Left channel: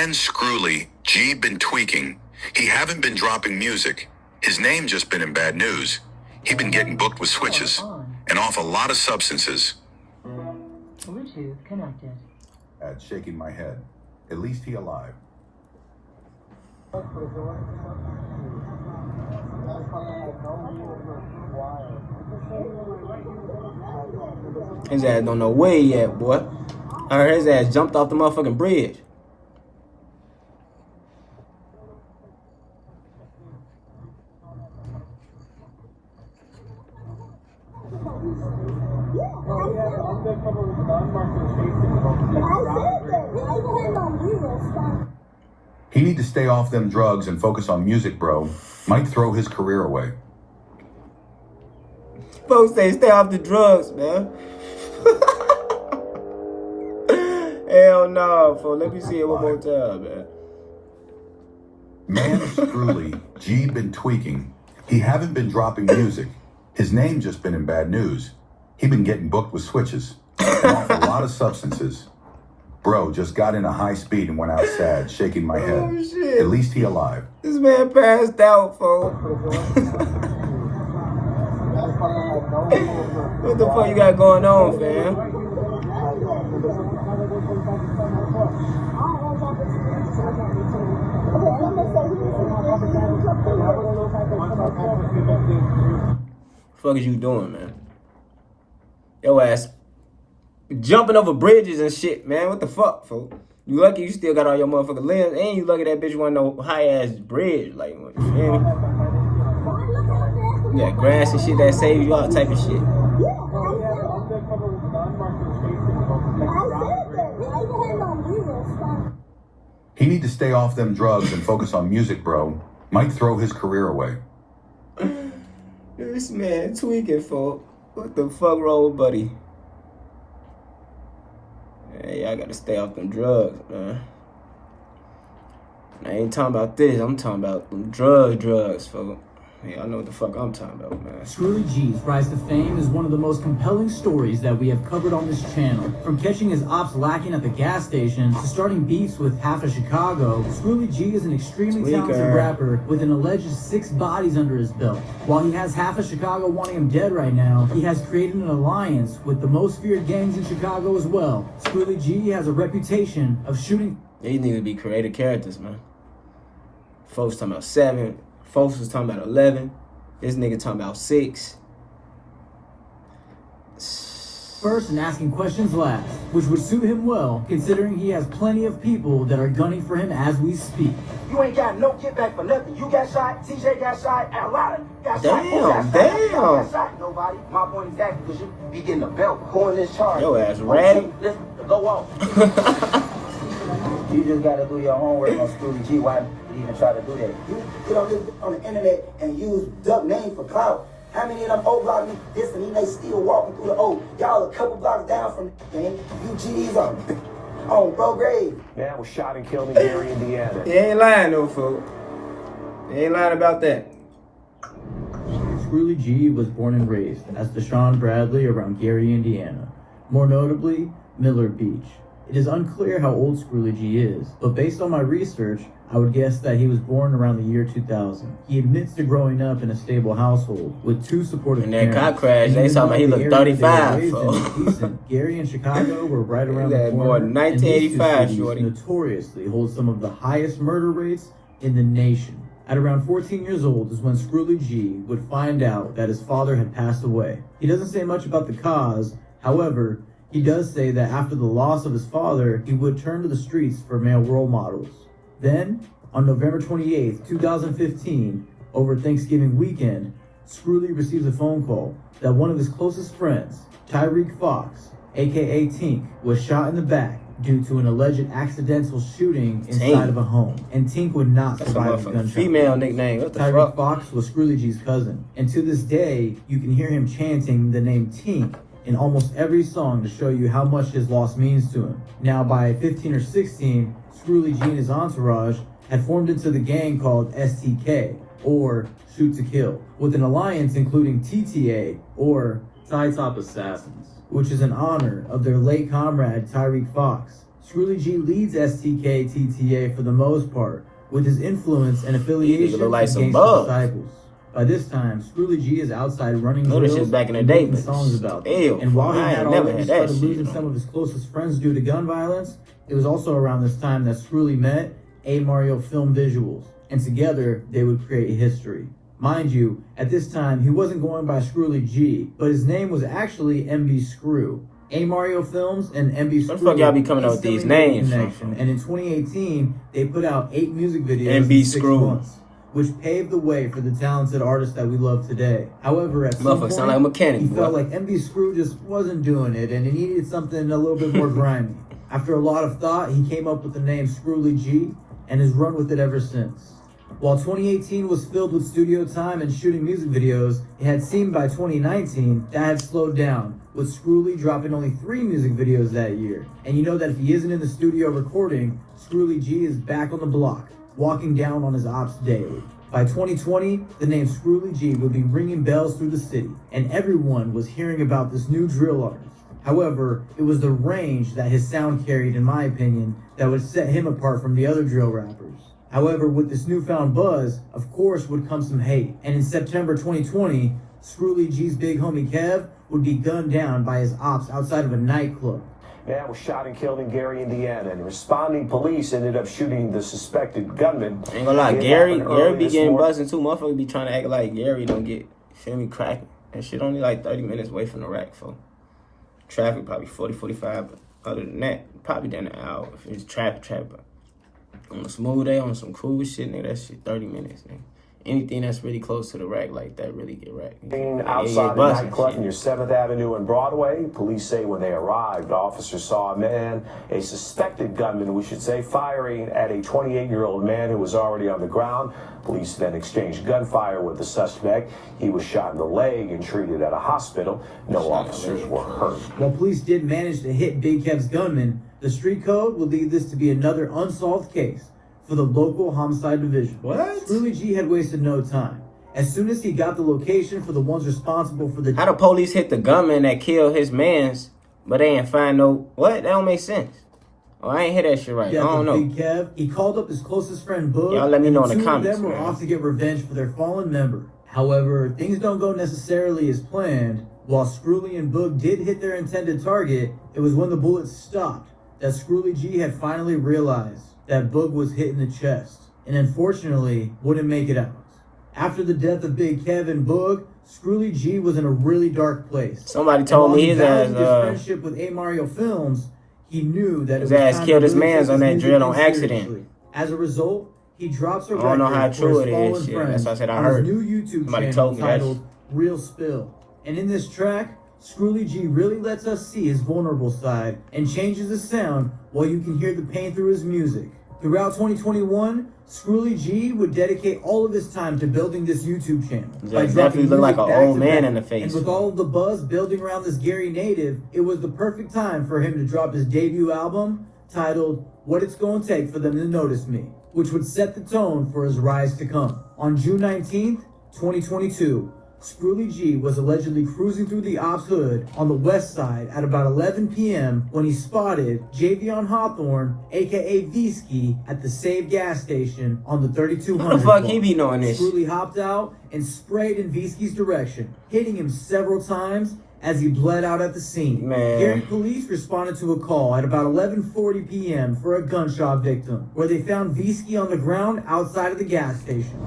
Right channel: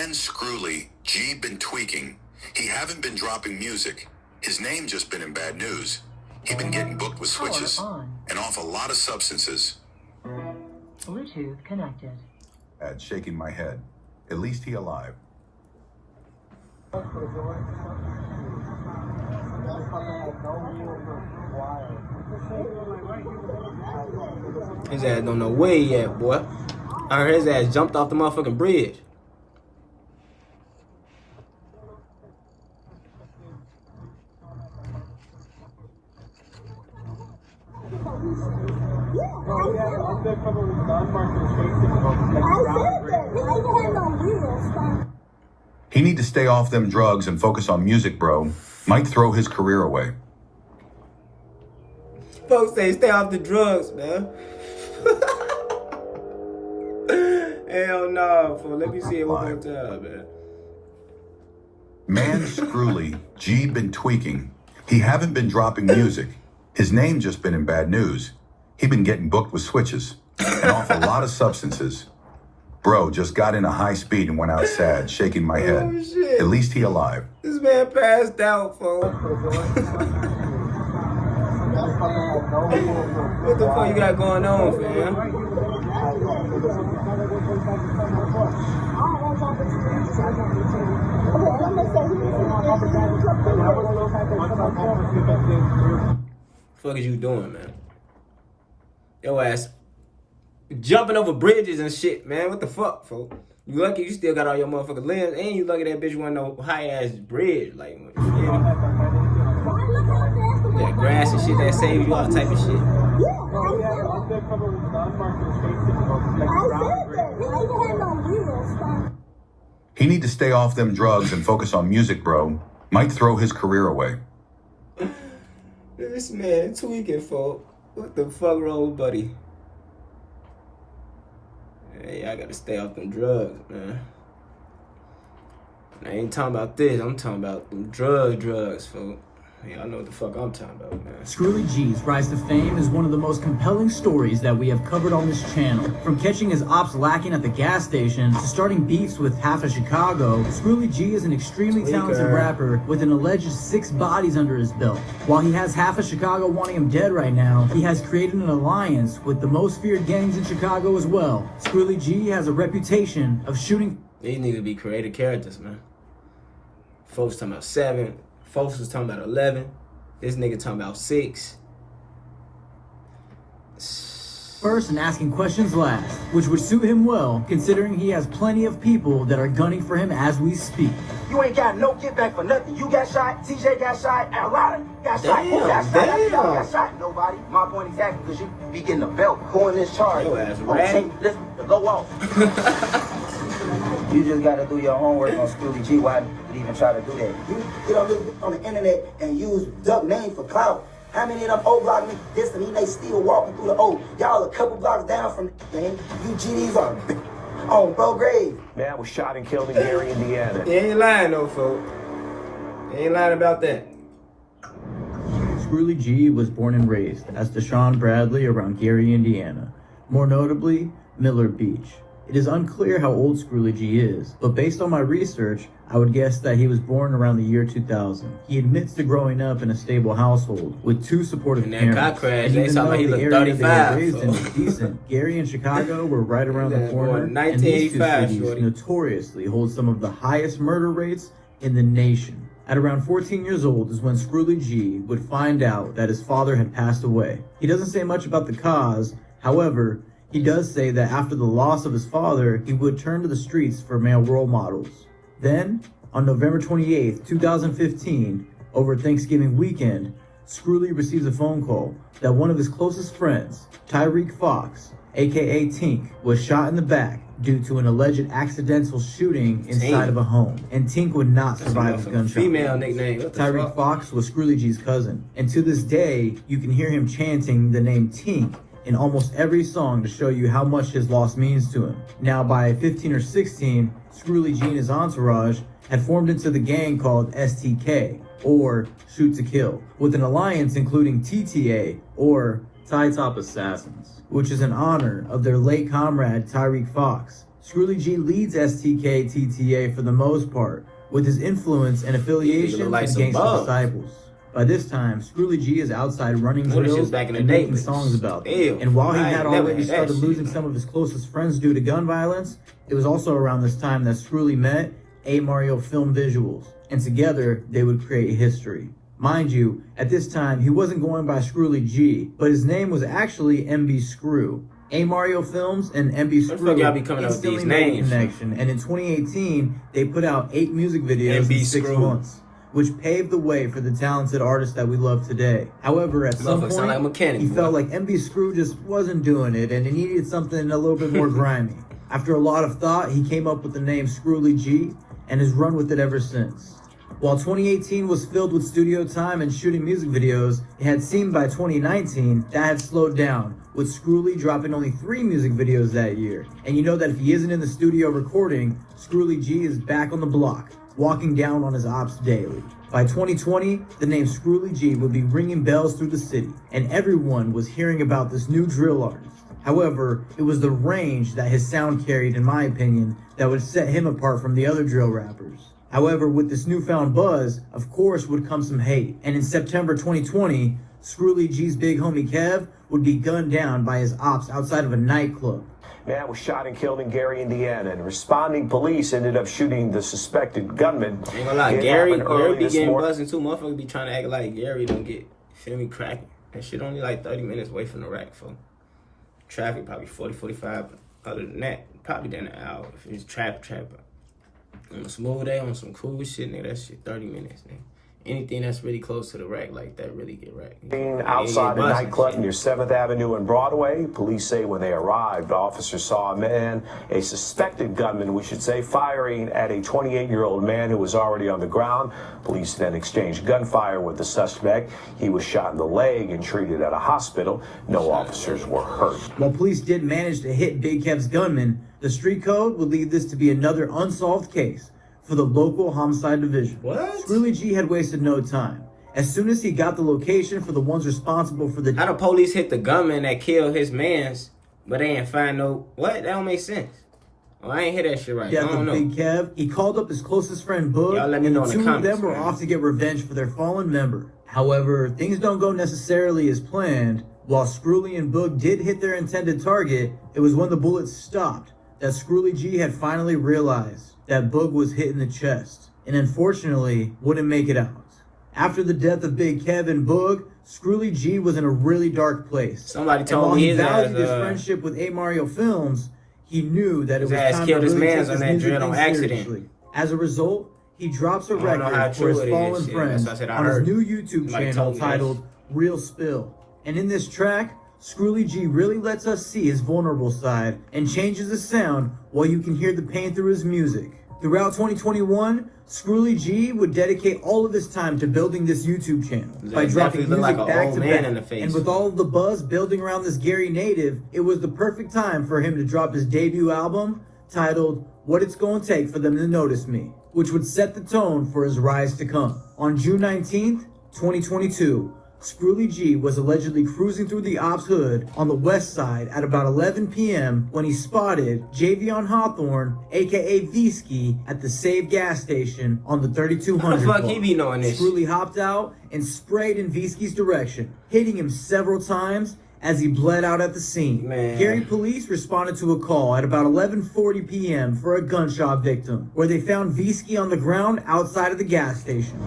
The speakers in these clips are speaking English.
Man Screwly, G been tweaking. He haven't been dropping music. His name just been in bad news. He been getting booked with switches and off a lot of substances. Bluetooth connected. At shaking my head. At least he alive. His ass don't know where he at, boy. I heard his ass jumped off the motherfucking bridge. He need to stay off them drugs and focus on music, bro. Might throw his career away. Folks say stay off the drugs, man. Hell no, folks. Let me see it one more time, man. Man Screwly, G been tweaking. He haven't been dropping music. His name just been in bad news. He been getting booked with switches and off a lot of substances. Bro just got in a high speed and went out sad, shaking my head. Oh, shit. At least he alive. This man passed out, folks. What the fuck you got going on, fam? Fuck is you doing, man? Yo ass jumping over bridges and shit, man. What the fuck, folks? You lucky you still got all your motherfucking limbs, and you lucky that bitch wasn't no high ass bridge, like, you feel me? You got grass and shit that saves you, all type of shit. He need to stay off them drugs and focus on music, bro. Might throw his career away. This man tweaking, folks. What the fuck wrong with buddy? Hey, I gotta stay off them drugs, man. I ain't talking about this. I'm talking about them drugs, folks. Yeah, I know what the fuck I'm talking about, man. Screwly G's rise to fame is one of the most compelling stories that we have covered on this channel. From catching his ops lacking at the gas station to starting beefs with half of Chicago, Screwly G is an extremely talented rapper with an alleged 6 bodies under his belt. While he has half of Chicago wanting him dead right now, he has created an alliance with the most feared gangs in Chicago as well. Screwly G has a reputation of shooting. These need to be creative characters, man. Folks talking about 7. Folks was talking about 11. This nigga talking about 6. First and asking questions last, which would suit him well, considering he has plenty of people that are gunning for him as we speak. You ain't got no get back for nothing. You got shot, TJ got shot, Alana got shot. Damn. Got shot. Nobody. My point exactly, because you be getting a belt, going this charge. Yo ass ratty. Listen, go off. You just got to do your homework on Screwly G. Why you even try to do that? You get on the internet and use duck name for clout. How many of them old block me this and they still walking through the old? Y'all a couple blocks down from the man. You GDs on bro grave. Man was shot and killed in Gary, Indiana. He ain't lying though, folks. He ain't lying about that. Screwly G was born and raised as Deshaun Bradley around Gary, Indiana. More notably, Miller Beach. It is unclear how old Screwly G is, but based on my research, I would guess that he was born around the year 2000. He admits to growing up in a stable household with 2 supportive parents. And that car crash, they talking about he looked 35. Decent. Gary and Chicago were right around the corner. Born 1985, shorty. Notoriously hold some of the highest murder rates in the nation. At around 14 years old is when Screwly G would find out that his father had passed away. He doesn't say much about the cause, however, he does say that after the loss of his father, he would turn to the streets for male role models. Then, on November 28th, 2015, over Thanksgiving weekend, Screwly receives a phone call that one of his closest friends, Tyreek Fox, aka Tink, was shot in the back due to an alleged accidental shooting inside of a home. And Tink would not survive the gunshot. Female nickname. What the Tyreek Fox was Screwly G's cousin. And to this day, you can hear him chanting the name Tink in almost every song to show you how much his loss means to him. Now, by 15 or 16, Screwly G and his entourage had formed into the gang called STK, or Shoot to Kill, with an alliance including TTA, or Tie Top Assassins, which is in honor of their late comrade Tyreek Fox. Scrooly G leads STK TTA for the most part, with his influence and affiliation Nigga look like with some Gangsta bugs. Disciples. By this time, Scrooly G is outside running Know this drills shit back in the and day, making but songs about them. ew, And while he I had ain't never already had that started shit, losing though. some of his closest friends due to gun violence, it was also around this time that Scrooly met A. Mario Film Visuals, and together they would create history. Mind you, at this time he wasn't going by Scrooly G, but his name was actually MB Screw. A. Mario Films and MB Screw. What the fuck y'all be coming up with these instantly made a names? connection, and in 2018 they put out 8 music videos MB in 6 Screw. months, which paved the way for the talented artists that we love today. However, at some Motherfucker point, sound like a mechanic, he boy. felt like MB Screw just wasn't doing it, and he needed something a little bit more grimy. After a lot of thought, he came up with the name Scrooly G, and has run with it ever since. While 2018 was filled with studio time and shooting music videos, it had seemed by 2019 that had slowed down, with Scrooly dropping only 3 music videos that year. And you know that if he isn't in the studio recording, Scrooly G is back on the block, walking down on his ops daily. By 2020, the name Scrooly G would be ringing bells through the city, and everyone was hearing about this new drill artist. However, it was the range that his sound carried, in my opinion, that would set him apart from the other drill rappers. However, with this newfound buzz, of course would come some hate, and in September 2020, Scrooly G's big homie Kev would be gunned down by his ops outside of a nightclub. Man was shot and killed in Gary, Indiana, and responding police ended up shooting the suspected gunman. Ain't gonna lie, It Gary happened early be this getting morning. buzzing too. Motherfuckers be trying to act like Gary don't get, feel me, cracking. That shit only like 30 minutes away from the rack, for traffic probably 40, 45. But other than that, probably down an hour. If it's traffic. But on a smooth day, on some cool shit, nigga, that shit 30 minutes, nigga. Anything that's really close to the rack like that really get racked. Outside a nightclub near 7th Avenue and Broadway, police say when they arrived, officers saw a man, a suspected gunman, we should say, firing at a 28-year-old man who was already on the ground. Police then exchanged gunfire with the suspect. He was shot in the leg and treated at a hospital. No officers were hurt. While police did manage to hit Big Kev's gunman, the street code would lead this to be another unsolved case for the local homicide division. What? Scrooly G had wasted no time. As soon as he got the location for the ones responsible for the How the police hit the gunman that killed his mans, but they ain't find no, what? That don't make sense. Oh, I ain't hear that shit right. I don't know. Big Kev, he called up his closest friend Boog. Y'all let me know in the and comments, two of them were man. off to get revenge for their fallen member. However, things don't go necessarily as planned. While Scrooly and Boog did hit their intended target, it was when the bullets stopped that Scrooly G had finally realized that Boog was hit in the chest, and unfortunately wouldn't make it out. After the death of Big Kev and Boog, Scrooly G was in a really dark place. Somebody And told while me he his valued his ass, friendship with A. Mario Films, he knew that his it was ass time killed to his really mans take on this that drill music on thing accident. seriously. As a result, he drops a I record don't know how for true his it is, fallen shit. friends That's what I said I on heard. his new YouTube Somebody channel told me that titled shit. Real Spill. And in this track, Scrooly G really lets us see his vulnerable side and changes the sound while you can hear the pain through his music. Throughout 2021, Scrooly G would dedicate all of his time to building this YouTube channel. He definitely look like an old man in the face. And with all of the buzz building around this Gary native, it was the perfect time for him to drop his debut album titled What It's Gonna Take for Them to Notice Me, which would set the tone for his rise to come. On June 19th, 2022, Scrooly G was allegedly cruising through the Ops hood on the west side at about 11 p.m. when he spotted Javion Hawthorne, aka Visky, at the Save gas station on the 3200 How the fuck block. he be knowing this? Scrooly hopped out and sprayed in Visky's direction, hitting him several times as he bled out at the scene. Man. Gary police responded to a call at about 11:40 p.m. for a gunshot victim, where they found Visky on the ground outside of the gas station.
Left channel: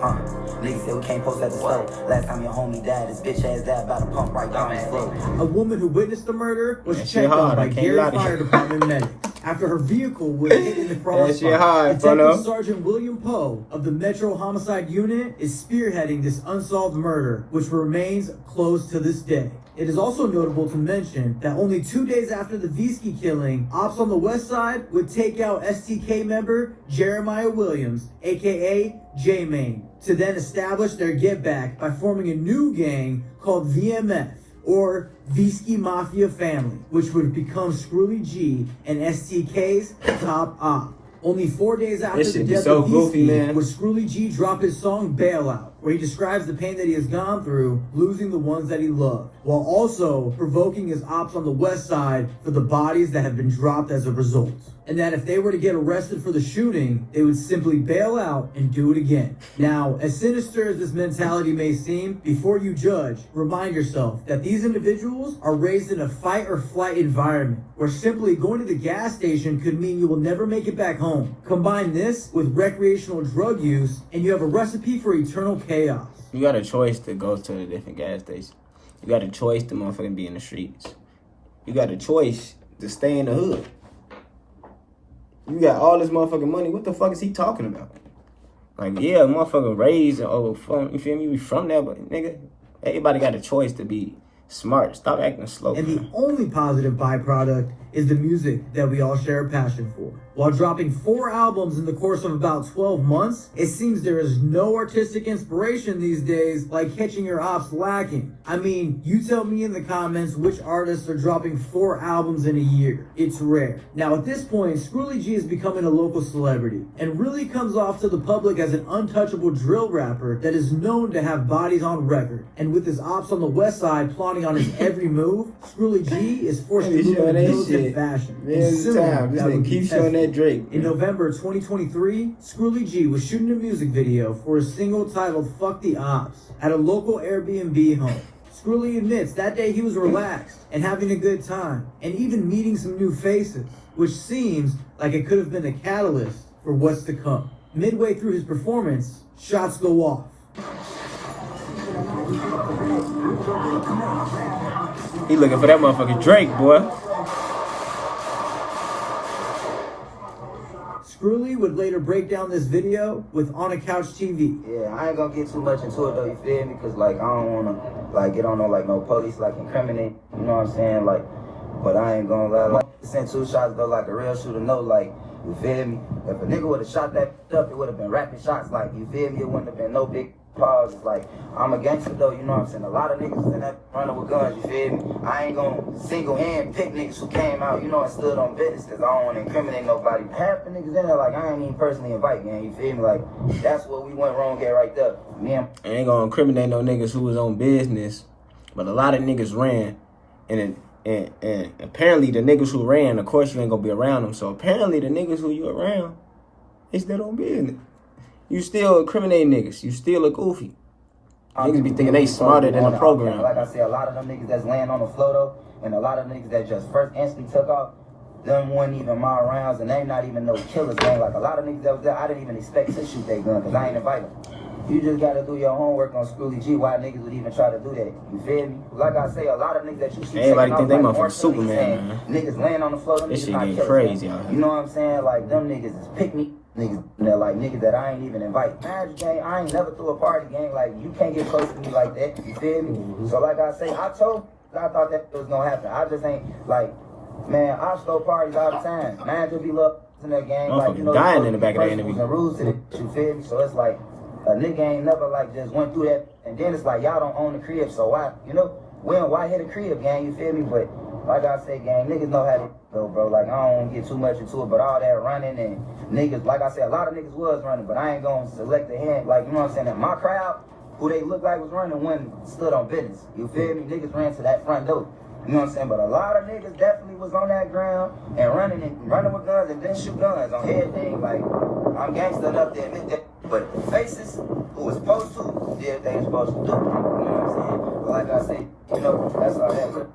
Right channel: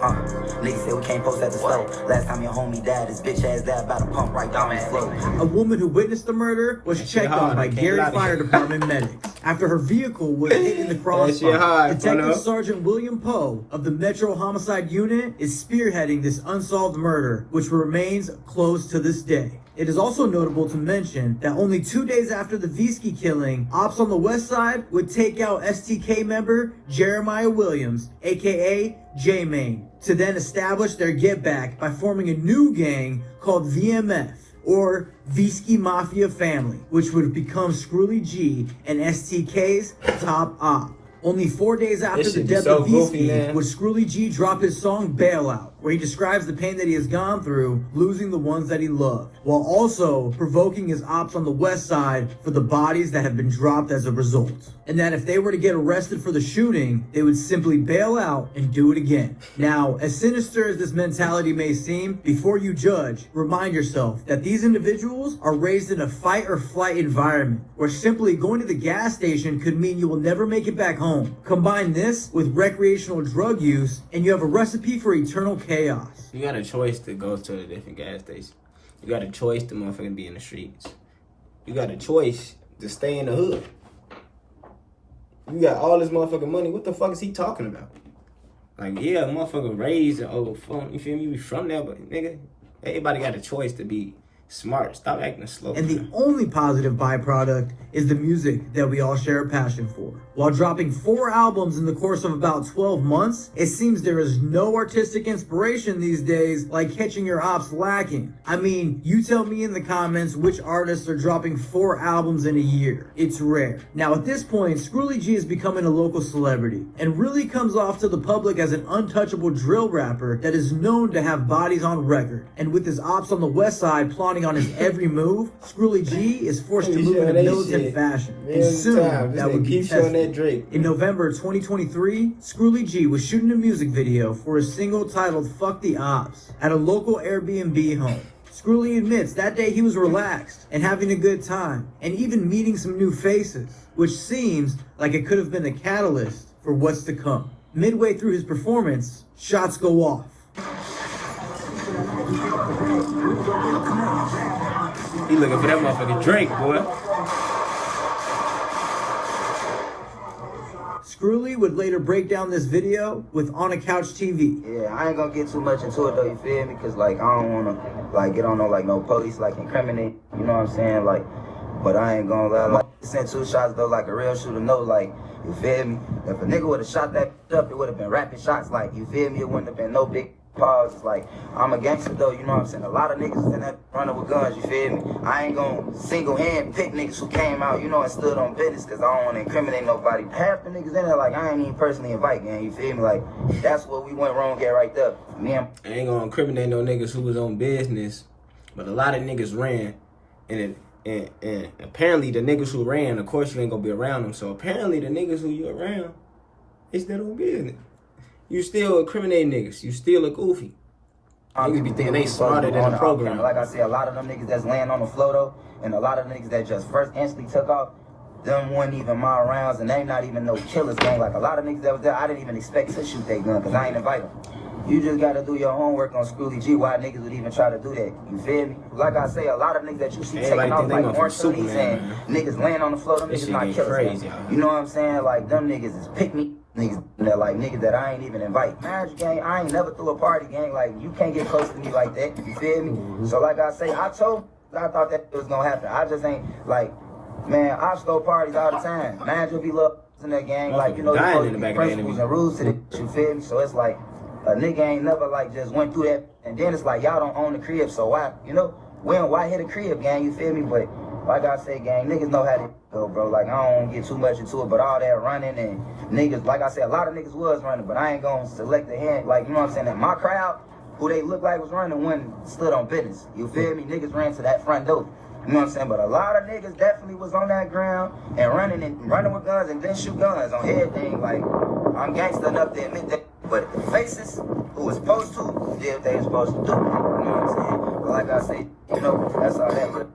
Alright, Lee said we can't post at the slow. Last time your homie died, his bitch ass died about to pump right down the slow. A woman who witnessed the murder was That shit checked on hard, by I can't Gary lie to you. Fire Department medics after her vehicle was hit in the crossfire. shit hard, Detective fellow. Sergeant William Poe of the Metro Homicide Unit is spearheading this unsolved murder, which remains closed to this day. It is also notable to mention that only 2 days after the Visky killing, Ops on the West Side would take out STK member Jeremiah Williams, aka J-Main, to then establish their get back by forming a new gang called VMF, or Visky Mafia Family, which would become Scrooly G and STK's top op. Only 4 days after This the shit be death so of goofy, Heath man. would Scrooly G drop his song Bailout, where he describes the pain that he has gone through losing the ones that he loved, while also provoking his ops on the west side for the bodies that have been dropped as a result. And that if they were to get arrested for the shooting, they would simply bail out and do it again. Now, as sinister as this mentality may seem, before you judge, remind yourself that these individuals are raised in a fight or flight environment, where simply going to the gas station could mean you will never make it back home. Combine this with recreational drug use, and you have a recipe for eternal chaos. You got a choice to go to a different gas station. You got a choice to motherfucking be in the streets. You got a choice to stay in the hood. You got all this motherfucking money. What the fuck is he talking about? Like, yeah, motherfucking raised and you feel me? We from there, but nigga, everybody got a choice to be smart. Stop acting slow. And Man. the only positive byproduct is the music that we all share a passion for. While dropping 4 albums in the course of about 12 months, it seems there is no artistic inspiration these days like catching your ops lacking. I mean, you tell me in the comments which artists are dropping 4 albums in a year. It's rare. Now at this point, Scrooly G is becoming a local celebrity and really comes off to the public as an untouchable drill rapper that is known to have bodies on record. And with his ops on the west side plotting on his every move, Scrooly G is forced to move in militant fashion. And soon, that would be tested. Drake. In November 2023, Scrooly G was shooting a music video for a single titled Fuck the Ops at a local Airbnb home. Scrooly admits that day he was relaxed and having a good time and even meeting some new faces, which seems like it could have been a catalyst for what's to come. Midway through his performance, shots go off. He looking for that motherfucking Drake, boy. Scrooly would later break down this video with On a Couch TV. Yeah, I ain't gonna get too much into it though, you feel me? Cause like, I don't wanna, like, get on no police, like, incriminate, you know what I'm saying? Like, but I ain't gonna lie, like, sent 2 shots though, like a real shooter know, like, you feel me? If a nigga would've shot that up, it would've been rapid shots, like, you feel me? It wouldn't have been no big pause. It's like, I'm a gangster though, you know what I'm saying? A lot of niggas in that running with guns, you feel me? I ain't gonna single hand pick niggas who came out, you know, and stood on business, cause I don't wanna incriminate nobody. Half the niggas in there, like, I ain't even personally invite, gang, you feel me? Like, that's what we went wrong at right there. Me and I ain't gonna incriminate no niggas who was on business, but a lot of niggas ran, and apparently the niggas who ran, of course you ain't gonna be around them, so apparently the niggas who you around is that on business. You still incriminating niggas. You still a goofy. Niggas be thinking they smarter than the program. Like I said, a lot of them niggas that's laying on the floor though, and a lot of niggas that just first instantly took off, them weren't even my rounds, and they not even no killers, man. Like a lot of niggas that was there, I didn't even expect to shoot their gun, cause I ain't invited. You just gotta do your homework on Scrooly G, why niggas would even try to do that. You feel me? Like I say, a lot of niggas that you see Everybody think they like, motherfucking Superman, man. Niggas laying on the floor, them This niggas shit not getting killers. crazy out here. You know what I'm saying? Like, them niggas is pick me niggas. They're like niggas that I ain't even invite. Marriage gang, I ain't never threw a party gang. Like, you can't get close to me like that. You feel me? So like I say, I thought that was gonna happen. I just ain't like, man, I throw parties all the time. Man, just be love in that gang. Like, you know, dying in the back of the enemy. and rules to the, you feel me? So it's like, a nigga ain't never like just went through that, and then it's like y'all don't own the crib, so why, you know, why hit a crib, gang? You feel me? But like I say, gang, niggas know how to go, bro. Like, I don't want to get too much into it, but all that running and niggas, like I said, a lot of niggas was running, but I ain't gonna select the hand, like, you know what I'm saying? In my crowd, who they look like was running, one stood on business. You feel me? Niggas ran to that front door. You know what I'm saying? But a lot of niggas definitely was on that ground and running with guns and then shoot guns on everything. Like, I'm gangster enough to admit that. But the faces who was supposed to, who did what they was supposed to do. You know what I'm saying? But like I say, you know, that's all that was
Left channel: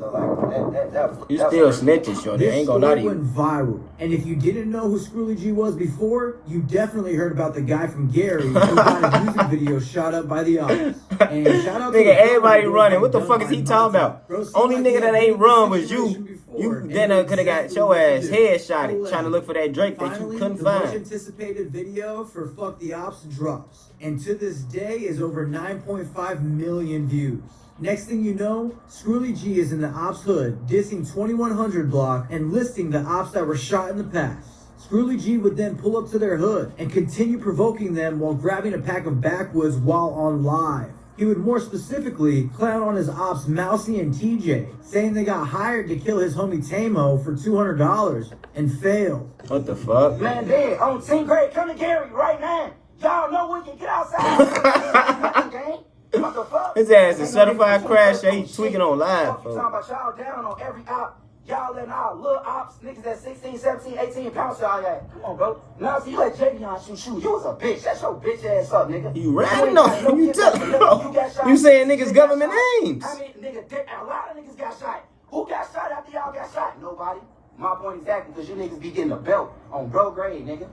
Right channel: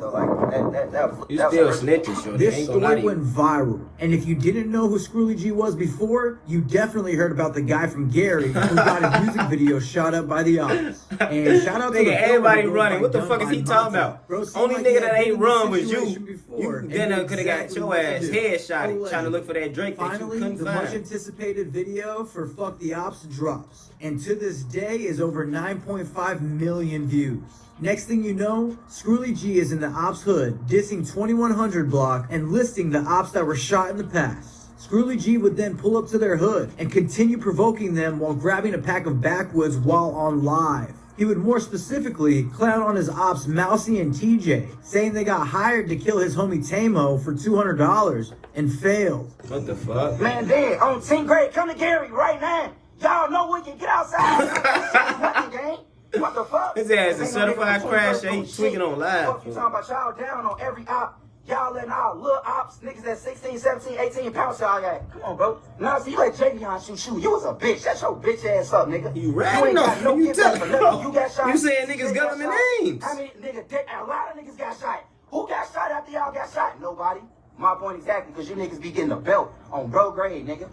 though. Like, that was, You still snitching, shorty. This Ain't gonna lie to story went you. viral. And if you didn't know who Scrooly G was before, you definitely heard about the guy from Gary who got a music video shot up by the ops. And shout out to Nigga, the everybody video running. that What the done fuck is by he talking Monty. about? Bro, seemed Only like nigga he that had ain't been in run this was you. situation before, You and then knew could have got exactly your what to ass do. headshotted Finally, trying to look for that Drake that you Finally, couldn't the much find. anticipated video for Fuck the Ops drops. And to this day is over 9.5 million views. Next thing you know, Scrooly G is in the ops hood, dissing 2100 block and listing the ops that were shot in the past. Scrooly G would then pull up to their hood and continue provoking them while grabbing a pack of backwoods while on live. He would more specifically clown on his ops Mousy and TJ, saying they got hired to kill his homie Tamo for $200 and failed. What the fuck? Man, Dad, on 10th grade, come to Gary right now. Y'all know we can get outside. Gang. What the fuck? His ass a Ain't no certified nigga crash. between He first tweaking and on live, Fuck you folks. talking about y'all down on every op. Y'all letting our little ops, niggas at 16, 17, 18 pounds y'all at. Come on, bro. Now, so you let Javion shoot. You was a bitch. That's your bitch ass up, nigga. You ratting ain't got on no him. You gift tell for him. nothing. You got shot. You saying CJ niggas got government shot. names. How many niggas, a lot of niggas got shot. Who got shot after y'all got shot? Nobody. My point exactly, because you niggas be getting a belt on bro grade, nigga.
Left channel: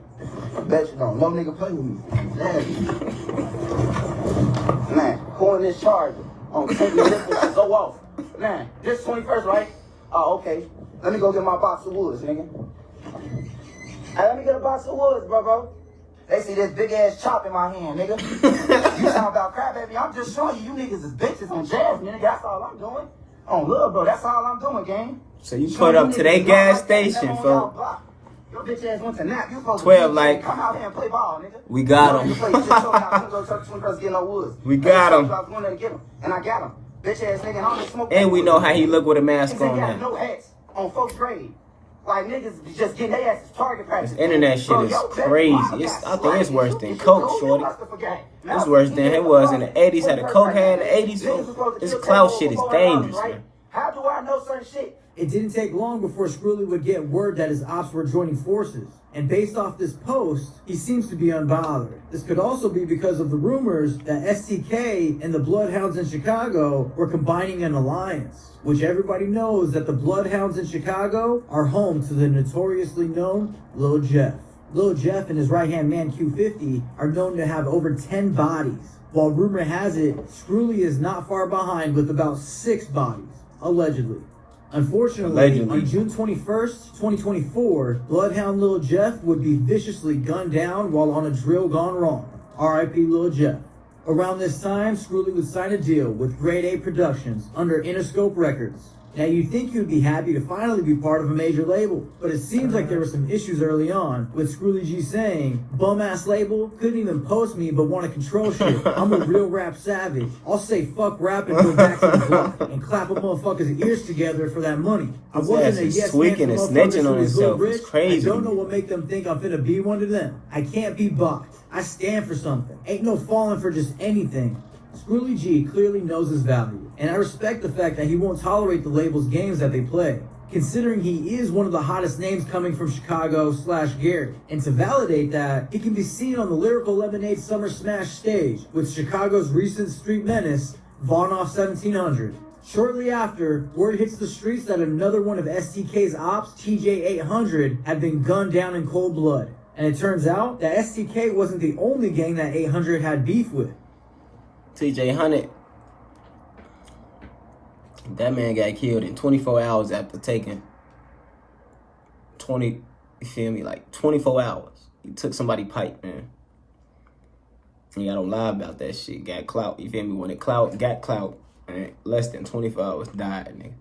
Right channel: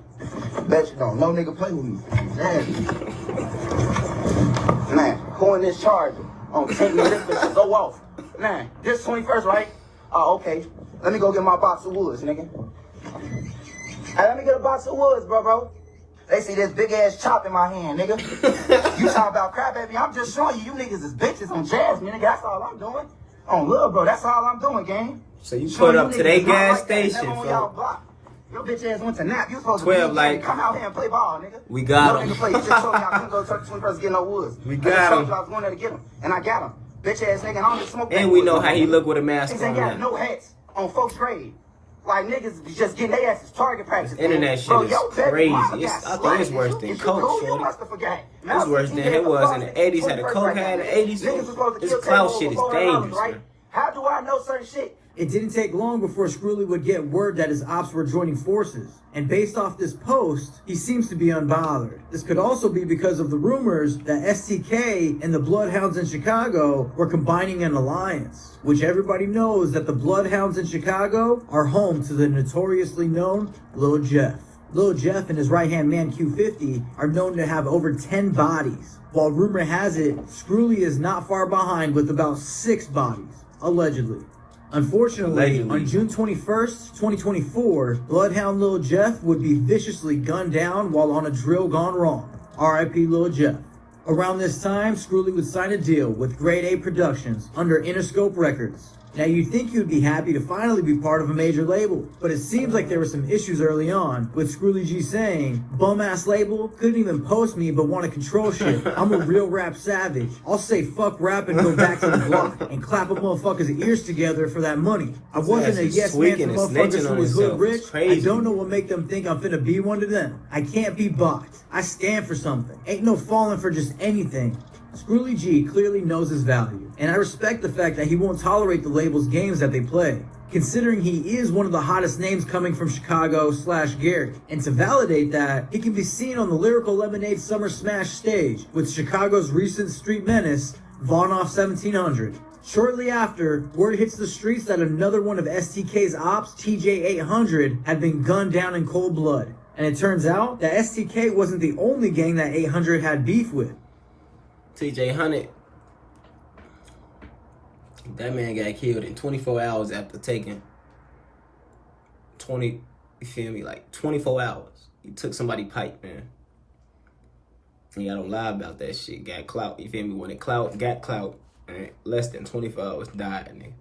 Bet you don't. No nigga play with me. Man, who in this charger? On 10 minutes, go off. Man, this 21st, right? Oh, okay. Let me go get my box of woods, nigga. Hey, let me get a box of woods, bro. They see this big ass chop in my hand, nigga. You talking about crap, baby? I'm just showing you niggas is bitches on jazz, nigga. That's all I'm doing. On love, bro. That's all I'm doing, gang. So you put up to their gas station, folks. folks. Your bitch ass went to nap. You supposed 12 to like, come out here and play ball, nigga. We got You him. play, you just told me I couldn't go to 21st get no woods. We got him. I was going there to get him, and I got him. Bitch ass nigga, I'm gonna smoke. And we know how he look with a He mask said on he had now. no hats on folks' grade. Like niggas be just getting their asses target practice. This internet shit Bro, is your baby crazy. mama It's- got I think it's slapped. worse than It's coke, your shorty. must have forgot. It's worse than it was in the 80s. How the coke had in the 80s. This clout shit is dangerous, man. How do I know certain shit? It didn't take long before Scrooly would get word that his ops were joining forces. And based off this post, he seems to be unbothered. This could also be because of the rumors that STK and the Bloodhounds in Chicago were combining an alliance, which everybody knows that the Bloodhounds in Chicago are home to the notoriously known Lil Jeff. Lil Jeff and his right-hand man Q50 are known to have over 10 bodies, while rumor has it Scrooly is not far behind with about 6 bodies, allegedly. Unfortunately, Allegedly. on June 21st, 2024, Bloodhound Lil Jeff would be viciously gunned down while on a drill gone wrong. R.I.P. Lil Jeff. Around this time, Scrooly would sign a deal with Grade A Productions under Interscope Records. Now, you'd think you'd be happy to finally be part of a major label, but it seems like there were some issues early on, with Scrooly G saying, bum-ass label, couldn't even post me but want to control shit. I'm a real rap savage. I'll say fuck rap and go back to the block and clap a motherfucker's ears together for that money. I wasn't a He's yes tweaking man and for snitching motherfuckers on who was himself. good It's rich. crazy. I don't know what make them think I'm finna be one to them. I can't be bought. I stand for something. Ain't no falling for just anything. Scrooly G clearly knows his value, and I respect the fact that he won't tolerate the label's games that they play, considering he is one of the hottest names coming from Chicago/Gary. And to validate that, he can be seen on the Lyrical Lemonade Summer Smash stage with Chicago's recent street menace, Vaughn Off 1700. Shortly after, word hits the streets that another one of STK's ops, TJ800, had been gunned down in cold blood. And it turns out that STK wasn't the only gang that 800 had beef with. TJ Hunnit. That man got killed in 24 hours after taking 20, you feel me, like 24 hours. He took somebody pipe, man. And y'all don't lie about that shit. Got clout, you feel me? When it got clout, man, less than 24 hours died, nigga.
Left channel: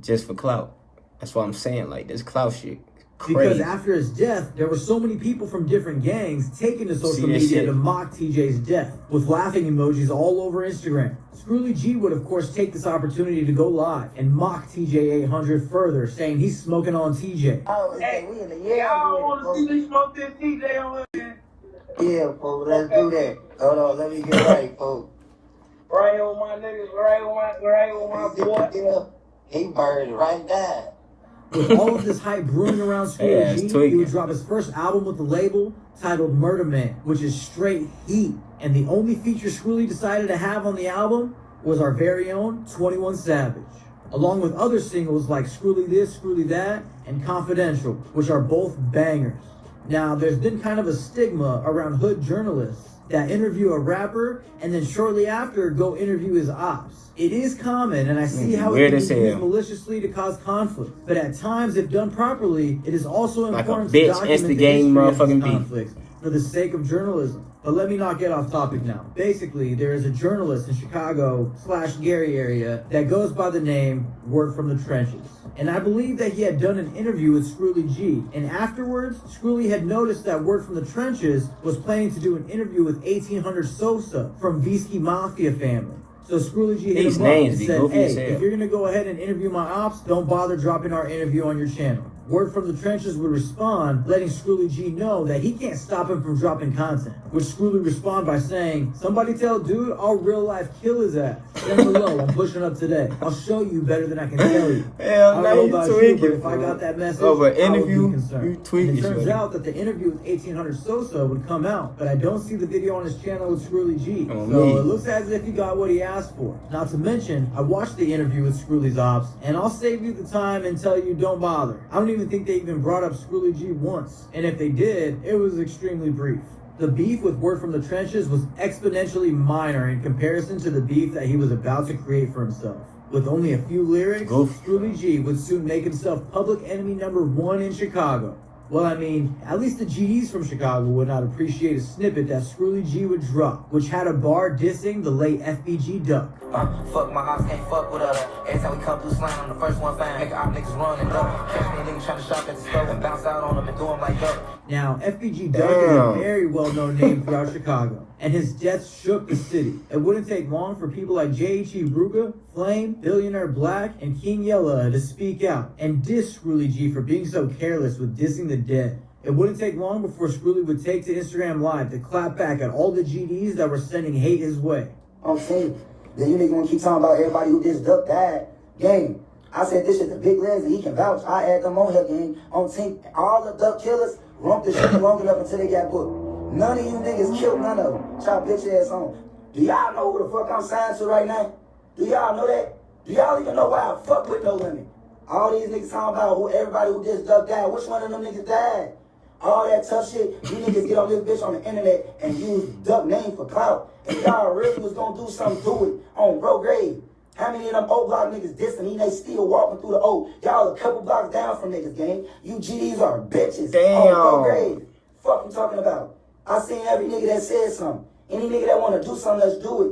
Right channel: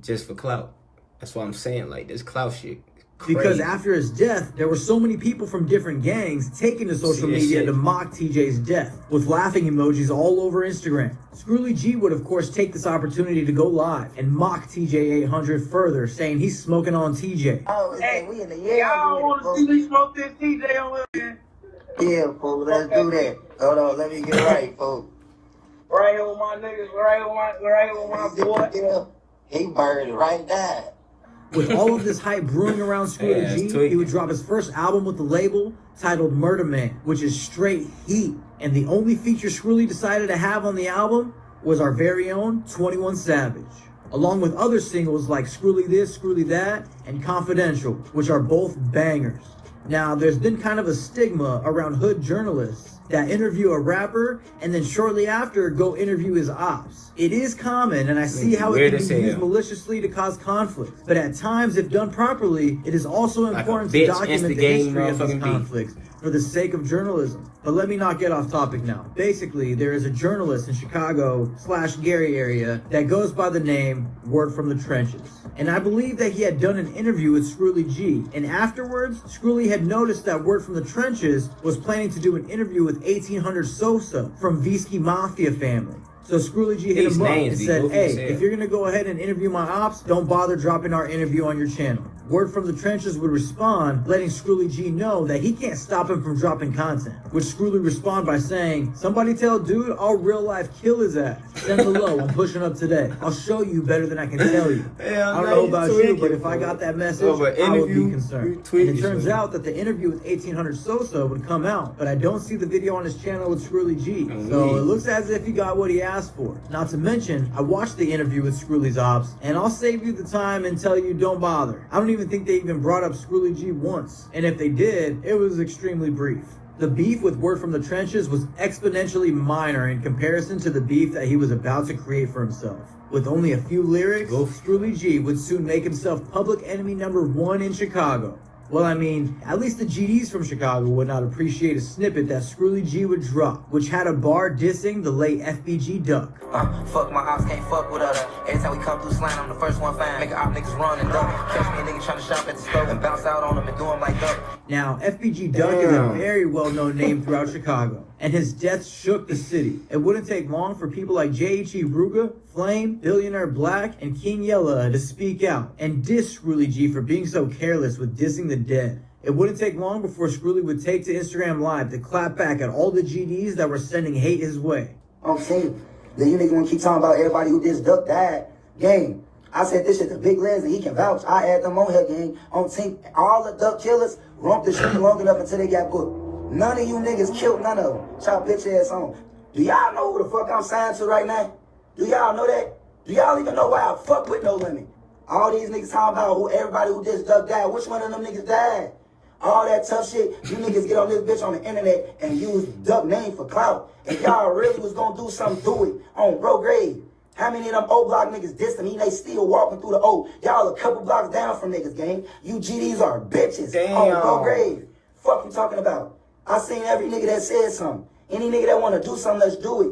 Just for clout. That's why I'm saying, like, this clout shit. Because Crazy. after his death, there were so many people from different gangs taking to social See that media shit? to mock TJ's death, with laughing emojis all over Instagram. Scrooly G would, of course, take this opportunity to go live and mock TJ800 further, saying he's smoking on TJ. Hey, we in the Y'all want to see me smoke this TJ on here? Yeah, fool, let's do that. Hold on, let me get right, fool. Right with my niggas, right with my boy. He burned right now. With all of this hype brewing around Yeah, Scrooly it's G, tweaking. he would drop his first album with the label titled Murder Man, which is straight heat. And the only feature Scrooly decided to have on the album was our very own 21 Savage, along with other singles like Scrooly This, Scrooly That, and Confidential, which are both bangers. Now, there's been kind of a stigma around hood journalists that interview a rapper and then shortly after go interview his ops. It is common, and I see how Weird it as can be used hell. maliciously to cause conflict. But at times, if done properly, it is also Like a important bitch to document the instigating history of motherfucking these beef. conflicts for the sake of journalism. But let me not get off topic now. Basically, there is a journalist in Chicago/Gary area that goes by the name Word from the Trenches. And I believe that he had done an interview with Scrooly G. And afterwards, Scrooly had noticed that Word from the Trenches was planning to do an interview with with 1800 Sosa from Visky Mafia family. So Scrooly G hit These him up names and be said, goofy as hey, hell. if you're gonna go ahead and interview my ops, don't bother dropping our interview on your channel. Word from the Trenches would respond, letting Scrooly G know that he can't stop him from dropping content. Which Scrooly respond by saying, somebody tell dude I'll real life kill his ass. Send below, I'm pushing up today. I'll show you better than I can tell you. Hell, I don't now know you about you, tweaking, but if I fool. got that message, Over I would interview, be concerned. you tweaking, It turns shorty. out that the interview with 1800 Sosa would come out, but I don't see the video on his channel with Scrooly G. Oh, So me. it looks as if he got what he asked for. Not to mention, I watched the interview with Scrooly's ops, and I'll save you the time and tell you don't bother. I don't even think they even brought up Scrooly G once, and if they did, it was extremely brief. The beef with Word from the Trenches was exponentially minor in comparison to the beef that he was about to create for himself. With only a few lyrics, Goof. Scrooly G would soon make himself public enemy #1 in Chicago. Well, I mean, at least the GDs from Chicago would not appreciate a snippet that Scrooly G would drop, which had a bar dissing the late FBG Duck. Fuck my ops, can't fuck with us. Every time we come through slang, I'm the first one fan. Make op niggas run and duck. Catch me a nigga trying to shop at the store and bounce out on them and do them like that. Now, FBG Duck is a Damn. very well-known name throughout Chicago, and his death shook the city. It wouldn't take long for people like J.H.E. Ruga, Flame, Billionaire Black, and King Yella to speak out and diss Scrooly G for being so careless with dissing the dead. It wouldn't take long before Scrooly would take to Instagram Live to clap back at all the GDs that were sending hate his way. I'm saying, then you niggas gonna keep talking about everybody who this duck died. Gang, I said this shit to Big Lens and he can vouch. I had them on here, gang. On team, all the duck killers romped the shit long enough until they got booked. None of you niggas killed none of them. Y'all bitch ass on. Do y'all know who the fuck I'm signed to right now? Do y'all know that? Do y'all even know why I fuck with no women? All these niggas talking about who everybody who this duck died. Which one of them niggas died? All that tough shit, you niggas get on this bitch on the internet and use duck name for clout. If y'all really was gonna do something, do it on bro grade. How many of them old block niggas dissed me? They still walking through the O. Y'all a couple blocks down from niggas, gang. You GDs are bitches. On bro grade. Fuck you talking about? I seen every nigga that said something. Any nigga that wanna do something, let's do it.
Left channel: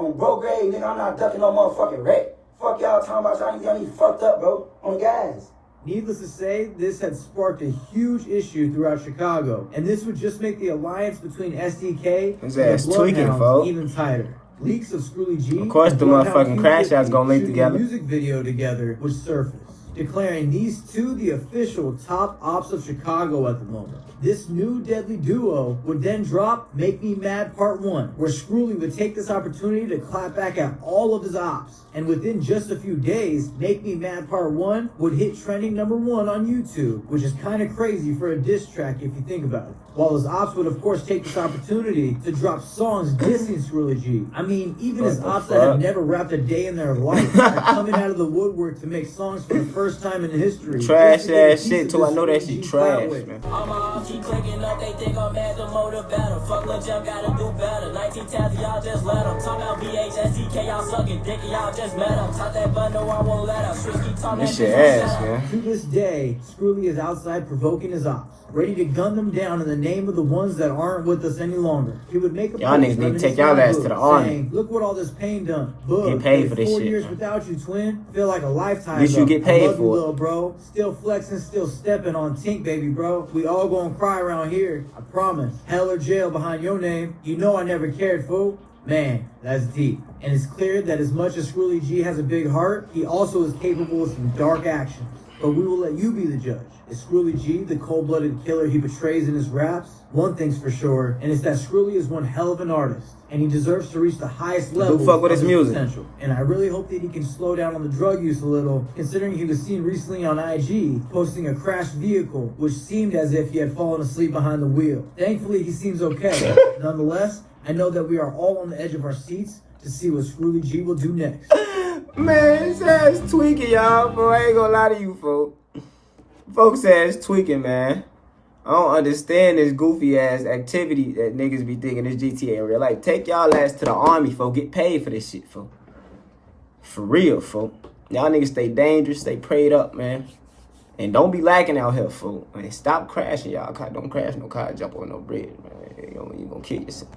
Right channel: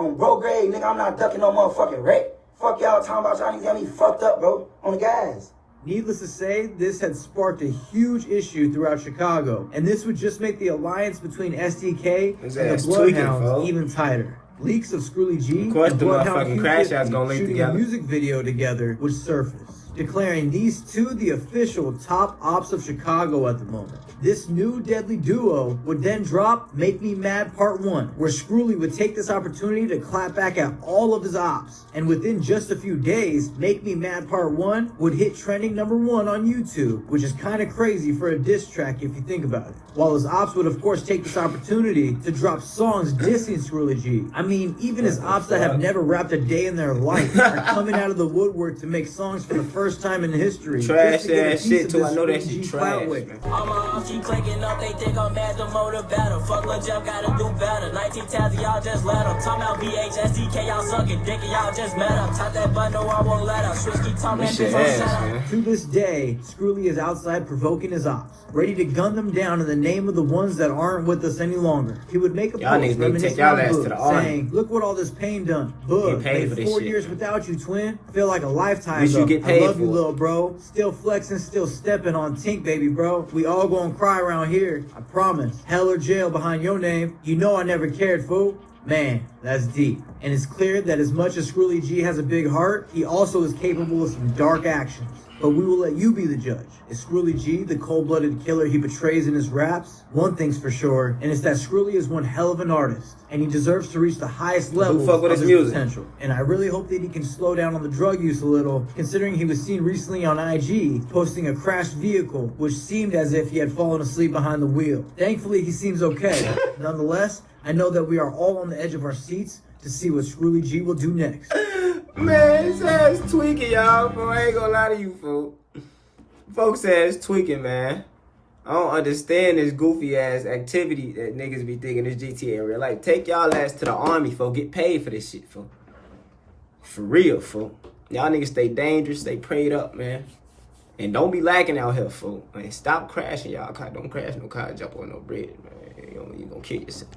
On bro grade, nigga, I'm not ducking no motherfucking wreck. Fuck y'all talking about, y'all niggas got me fucked up, bro. On the guys. Needless to say, this had sparked a huge issue throughout Chicago, and this would just make the alliance between SDK His and ass the tweaking, Bloodhounds folks. even tighter. Leaks of Scrooly G Of course and the Bloodhound motherfucking Crash Outs gonna link shooting together. a music video together would surface, declaring these two the official top ops of Chicago at the moment. This new deadly duo would then drop Make Me Mad Part 1, where Scrooly would take this opportunity to clap back at all of his ops. And within just a few days, Make Me Mad Part 1 would hit trending #1 on YouTube, which is kind of crazy for a diss track if you think about it. While his ops would of course take this opportunity to drop songs dissing Scrooly G. I mean, even his ops that have never rapped a day in their life are coming out of the woodwork to make songs for the first time in history. Trash just to get a ass piece shit of too. I this know that Scrooly shit G trash, flyweight. man. Keep clicking up, they think I'm mad, the motive better. Fuck Lil Jeff, gotta do better. 19 tabs, y'all just let them. Talking about VHSDK, y'all sucking dick, and y'all just met them. Tap that button, no, I won't let them. Switch, keep talking This that shit bitch, ass, man. To this day, Scrooly is outside provoking his ops, ready to gun them down in the name of the ones that aren't with us any longer. He would make a Y'all post niggas need to take reminiscing y'all of ass Boog, to the army. saying, look what all this pain done. Boog, Get paid been for this 4 shit, years man. without you, twin. Feel like a lifetime. At least you though. get paid I love for you, it. little bro. Still flexing, still stepping on Tink, baby, bro. We all gonna cry around here. I promise. Hell or jail behind your name. You know I never cared, fool. Man, that's deep. And it's clear that as much as Scrooly G has a big heart, he also is capable of some dark actions. But we will let you be the judge. Is Scrooly G the cold-blooded killer he portrays in his raps? One thing's for sure, and it's that Scrooly is one hell of an artist, and he deserves to reach the highest level fuck with of his music. potential. And I really hope that he can slow down on the drug use a little, considering he was seen recently on IG posting a crashed vehicle, which seemed as if he had fallen asleep behind the wheel. Thankfully, he seems okay. Nonetheless, I know that we are all on the edge of our seats to see what Scrooly G will do next. Man, his ass tweaking, y'all. Bro, I ain't gonna lie to you, folks. Folks ass tweaking, man. I don't understand this goofy ass activity that niggas be thinking this GTA in real life. Take y'all ass to the army, folks. Get paid for this shit, folks. For real, folks. Y'all niggas stay dangerous, stay prayed up, man. And don't be lacking out here, folks. Man, stop crashing, y'all. Don't crash no car, jump on no bridge, man. You gonna kill yourself.